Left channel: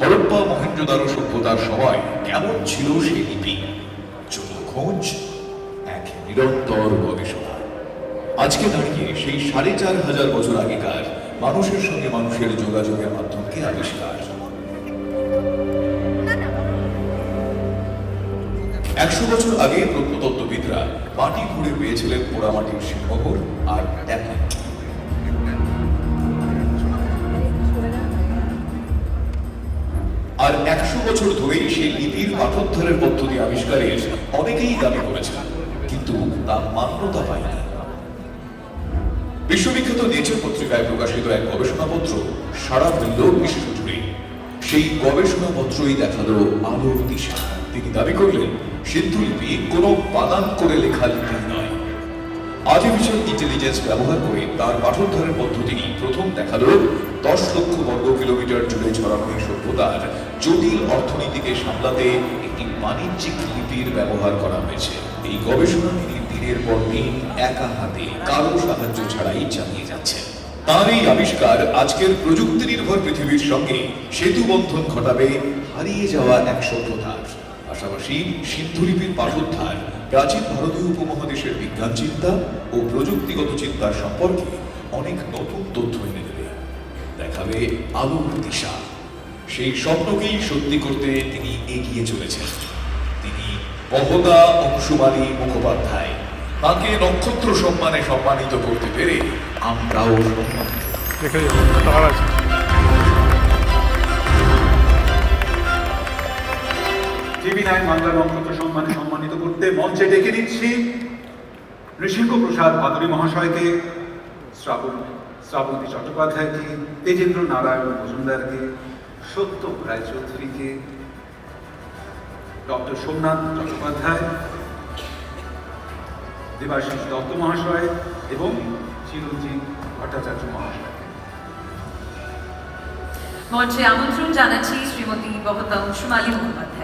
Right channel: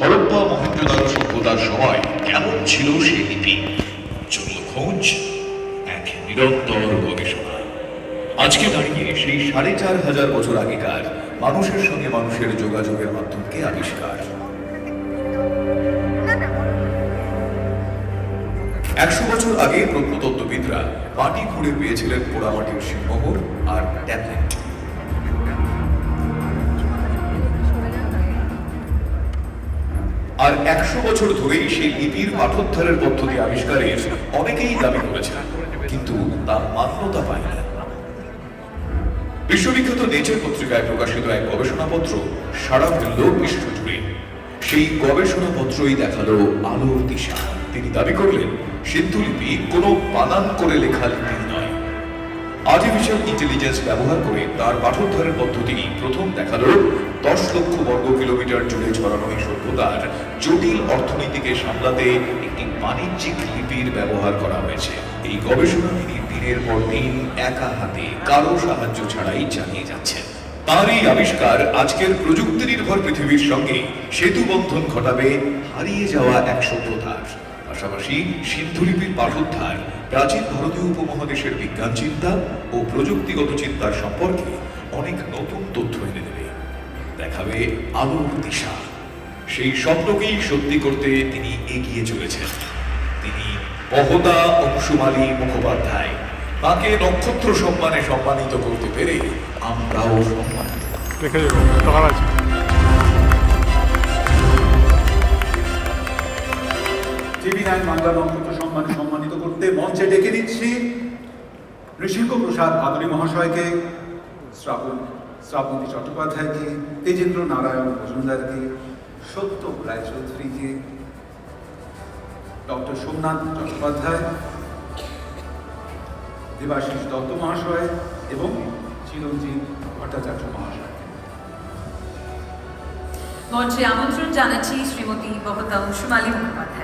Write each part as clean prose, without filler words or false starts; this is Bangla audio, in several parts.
হরপ্পা মহেঞ্জোদারো সভ্যতার সময় কেমন ছিল সেই লিপি? চলল খোঁজ, এক নিরন্তর গবেষণা। আজকে দাঁড়িয়ে সেই ৪,৫০০ বছর আগেকার মানুষের সঙ্গে মানুষের যোগাযোগের মাধ্যমকে আবিষ্কার। ১০০ বছর আগে প্রত্নতত্ত্ববিদরা মাটি খুঁড়ে পেয়েছিলেন পোড়ামাটির শিলমোহর আর ট্যাবলেট। আর ১০০ বছর ধরেই সেই লিপির পাঠোদ্ধারের পদ্ধতি আবিষ্কারের অনেকেই দাবি করেছেন, কিন্তু তা মান্যতা পায়নি। বিশ্ববিখ্যাত নেচার পত্রিকায় প্রকাশিত এক গবেষণাপত্র সারা ফেলল বিশ্বজুড়ে। সেই গবেষণাপত্রই দেখালো আলোর দিশা। তিনি দাবি করলেন, সিন্ধু লিপি কোনো বানান করে লেখা লিপি নয়। আর্টিফিশিয়াল ইন্টেলিজেন্স ব্যবহার করে তার পাঠোদ্ধারের পদ্ধতি প্রথম দেখালো ১০ লক্ষ বর্গ কিলোমিটার জুড়ে ছড়ানো এই সভ্যতার জটিল অর্থনীতিকে সামলাতে একটি বাণিজ্যিক লিপির ব্যবহার করা হয়েছে। এই গবেষণা তিনি দিনের পর দিন একা হাতে কারো সাহায্য ছাড়াই চালিয়ে যাচ্ছেন। তার এই আবিষ্কার আজকের প্রযুক্তি নির্ভর পৃথিবীর সঙ্গে সেতু বন্ধন ঘটাবে হারিয়ে যাওয়া এক সভ্যতার। পাশাপাশি সিন্ধু লিপির পাঠোদ্ধার প্রাচীন ভারতীয় উপমহাদেশের বিজ্ঞান চিন্তা ও প্রযুক্তিগত চিন্তার সম্পর্কে অনেক নতুন তথ্য এনে দেবে, দেখাবে আলোর দিশা। সেই স্বপ্নকেই সত্যি করতে তিনি এগিয়ে চলেছেন। তিনি বহদা অংশুমালী মুখোপাধ্যায়। তাকে নক্ষত্র সম্মানে সম্মানিত করতে পেরে আমরাও সম্মানিত। টিভি9 বাংলার নক্ষত্র সম্মানে সম্মানিত করতে মঞ্চে ডেকে নিচ্ছি ঋষিঙ্ক প্রসাদ ভাদুরী মহাশয়কে, শ্রাবন্তী চট্টোপাধ্যায়কে, তেজেন্দ্র নারায়ণ মজুমদারকে, সত্যম রায়চৌধুরীকে, ডক্টর সোমনাথ চট্টোপাধ্যায়, দেবাশিস দত্ত মহাশয় এবং চিরঞ্জিত ভট্টাচার্য মহাশয়। মঞ্চে আমন্ত্রণ জানাচ্ছি শ্রীমতী বহদা অংশুমালী মুখোপাধ্যায়।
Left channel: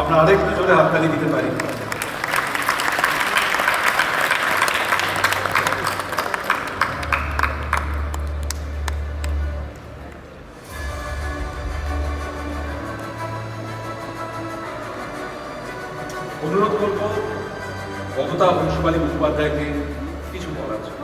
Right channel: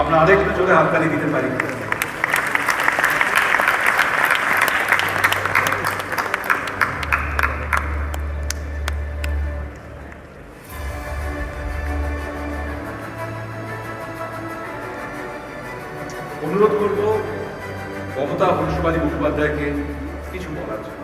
আমরা আরেকটু জোরে হাততালি দিতে পারি। অনুরোধ করব বহদা অংশুমালী মুখোপাধ্যায়কে কিছু বলার জন্য।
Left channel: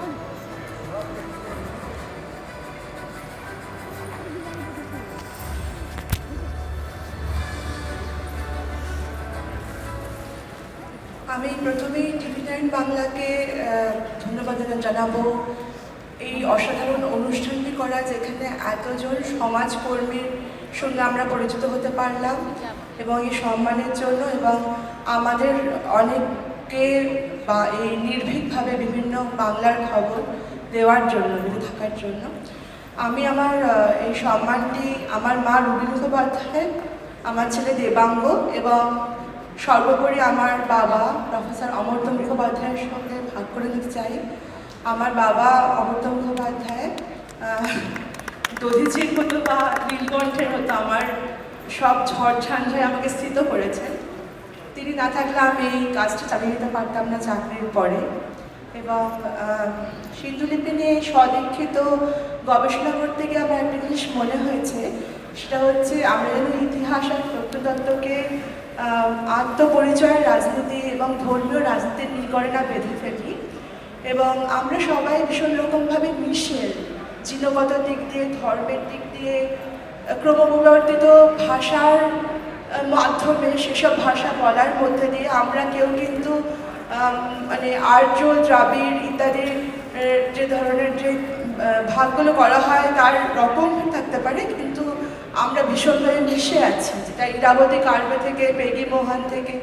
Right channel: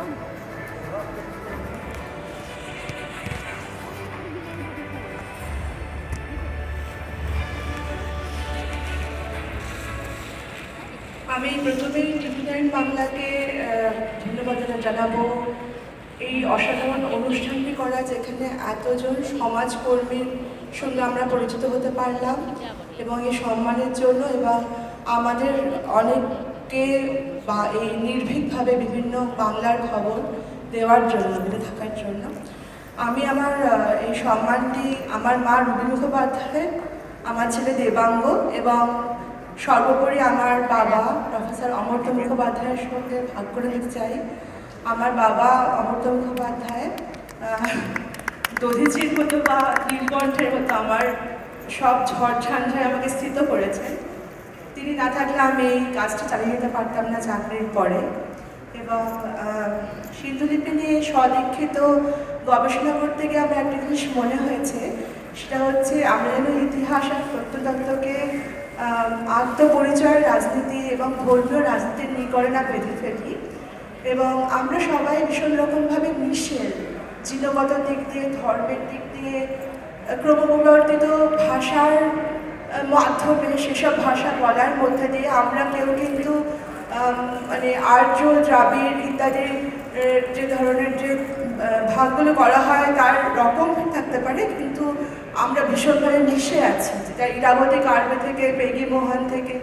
আমি প্রথমেই টিভি9 বাংলাকে ধন্যবাদ জানাবো এই অসাধারণ অনুষ্ঠানটি করা, যেখানে এতজন সমাজকর্মীর সঙ্গে আমরা পরিচিত হতে পারলাম, এবং এই সম্মানের জন্য এবং আমাদের অনেককে বা এই নির্ভীকভাবে বিভিন্ন বাংলার খবর দেওয়ার জন্য, বেঁচে থাকার জন্য। আমি আমার এই সম্মানটি আমার মা রুবি মুখোপাধ্যায়, আমার ছেলে দেবাঙ্গ এবং সর্বোপরি আমার বাবা প্রফেসর অমর্ত্য মুখোপাধ্যায়ের সঙ্গে ভাগ করে নিতে চাই। আমার বাবা অমর্ত্য মুখোপাধ্যায় দধিচির মতো বা নীলকণ্ঠের মতো আমার সব ঝড় ঝঞ্ঝায় আমাকে স্থিত করেছেন। তিনি না থাকলে আমি এই কাজটা চালিয়ে যেতে পারতাম না চাকরির পরে। এবং সিন্ধুলিপি নিয়ে স্বদীক্ষিত গবেষণা করতে গিয়ে আমার একটা জিনিস মনে হয়েছে, সেটা হচ্ছে আমরা যেন ইতিহাস আর প্রত্নতত্ত্বকে আত্মপরিচয়ের রাজনীতি এবং ধর্মীয় রাজনীতির নিকরে না বেঁধে ফেলি। এবং আমরা সবাই ভীষণ রকমভাবে মিশে জিনগত দিক দিয়ে, ধর্মের দিক দিয়ে, ক্রমপরিবর্তিত ভাষার মাধ্যমে সেসব ভাষা বলার মধ্যে দিয়ে আমরা কেউ কিন্তু মানে আর্য, দ্রাবিড় ইত্যাদি যে ধরনের যে ভাগগুলো করা হয় তার রকম থাকতে পারে, কিন্তু আমরা ভীষণভাবে মিশে আছি, যেটা ইরাবতী কার্বে থেকে, পেগি মোহন থেকে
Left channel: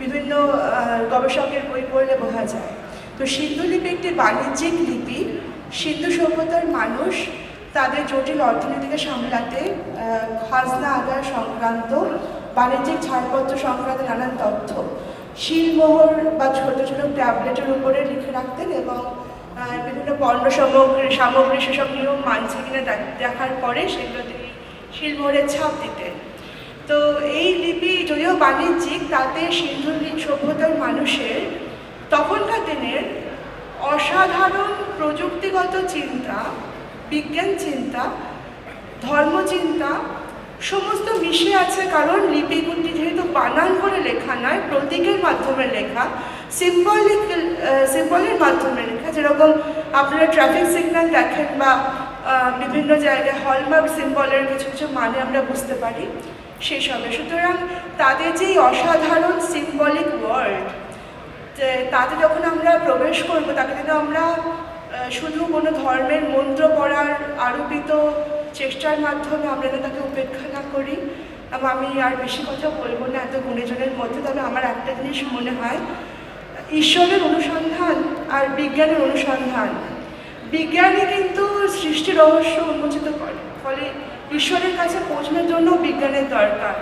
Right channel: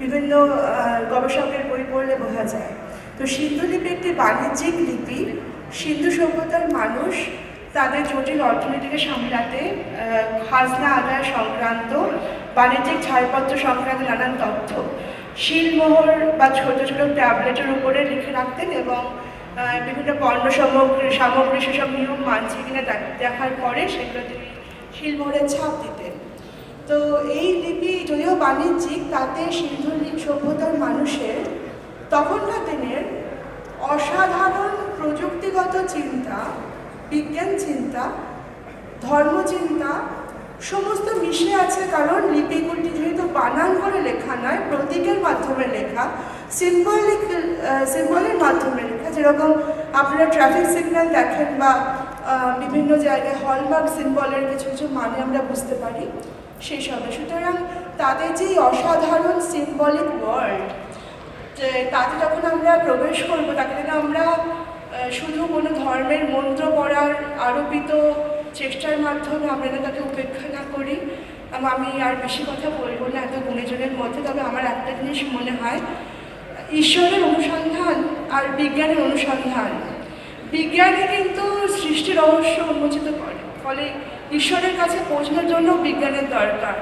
বিভিন্ন গবেষকের বই পড়লে বোঝা যায়। তো সিন্ধু লিপি একটি বাণিজ্যিক লিপি। সিন্ধু সভ্যতার মানুষ তাদের জটিল অর্থনীতিকে সামলাতে খাজনা আদায় সংক্রান্ত, বাণিজ্যিক ছাড়পত্র সংক্রান্ত নানান তথ্য শিলমোহর বা ছোট ছোট ট্যাবলেটের উপরে লিখে রাখতেন এবং বিভিন্ন পণ্য সামগ্রী সেসব নিয়ম মানছে কিনা দেখার পরে সেগুলো তিনি শিলমোহরের ছাপ দিতেন। তো এই লিপি যদিও বাণিজ্যিক, তাতে সিন্ধু সভ্যতার মানুষের তখনকার দিনের অসাধারণ প্রযুক্তিগত চিন্তা, বিজ্ঞান চিন্তা, ধর্মচিন্তা সমস্ত মিশে আছে। কারণ লিপিগুলি যেহেতু বানান করে লেখা নয়, প্রতীকের মাধ্যমে লেখা, সিম্বলের মাধ্যমে লেখা, যেরকম আপনারা ট্রাফিক সিগন্যাল দেখেন বা বিভিন্ন জায়গায় হলমার্ক সিম্বলের কিছু কিছু মানে আমরা বুঝতে পারি সেই সবে। সুতরাং তাদের যে অসাধারণ সিম্বলিক ওয়ার্ল্ড, যে তাতে যখন আমরা প্রবেশ করবো, তাকে যেন আমরা শুধু কোনো ধর্মের মন্ত্র পড়ার আরোপিত চেষ্টার মাধ্যমে আমরা যেন তাকে উপেক্ষা না করি। এবং আমি আর বেশি কথা বলবো না এত গুণীজনের মধ্যে, তবে আমার একটা জিনিস মনে হয়, ঈশ্বরের অনুসন্ধান আর বিজ্ঞানের অনুসন্ধান, বিজ্ঞানে কিন্তু সৃষ্টির রহস্য উন্মোচিত করে, ফলে ঈশ্বরের কাছে পৌঁছানোর জন্য বিজ্ঞানের দরকার।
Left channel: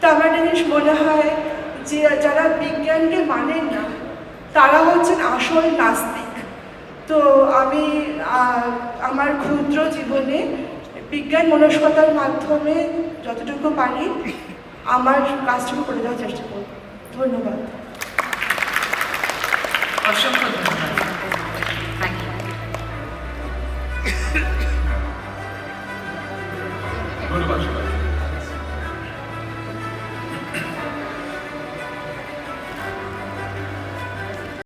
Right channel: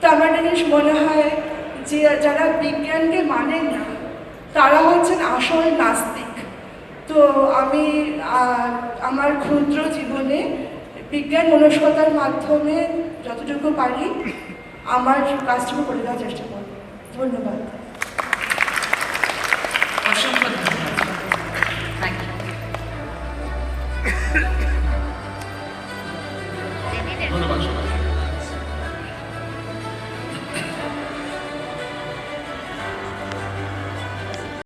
তো আমার একটা জিনিস মনে হয় যে যারা বিজ্ঞানকে মানেন না তারা হচ্ছেন আসল নাস্তিক। তো আমি আমার ক্ষুদ্র জীবনে বিজ্ঞান মনস্কতার মাধ্যমে যতটুকু পারি আমার কাজটুকু করে দেওয়ার চেষ্টা করব। ধন্যবাদ। অসংখ্য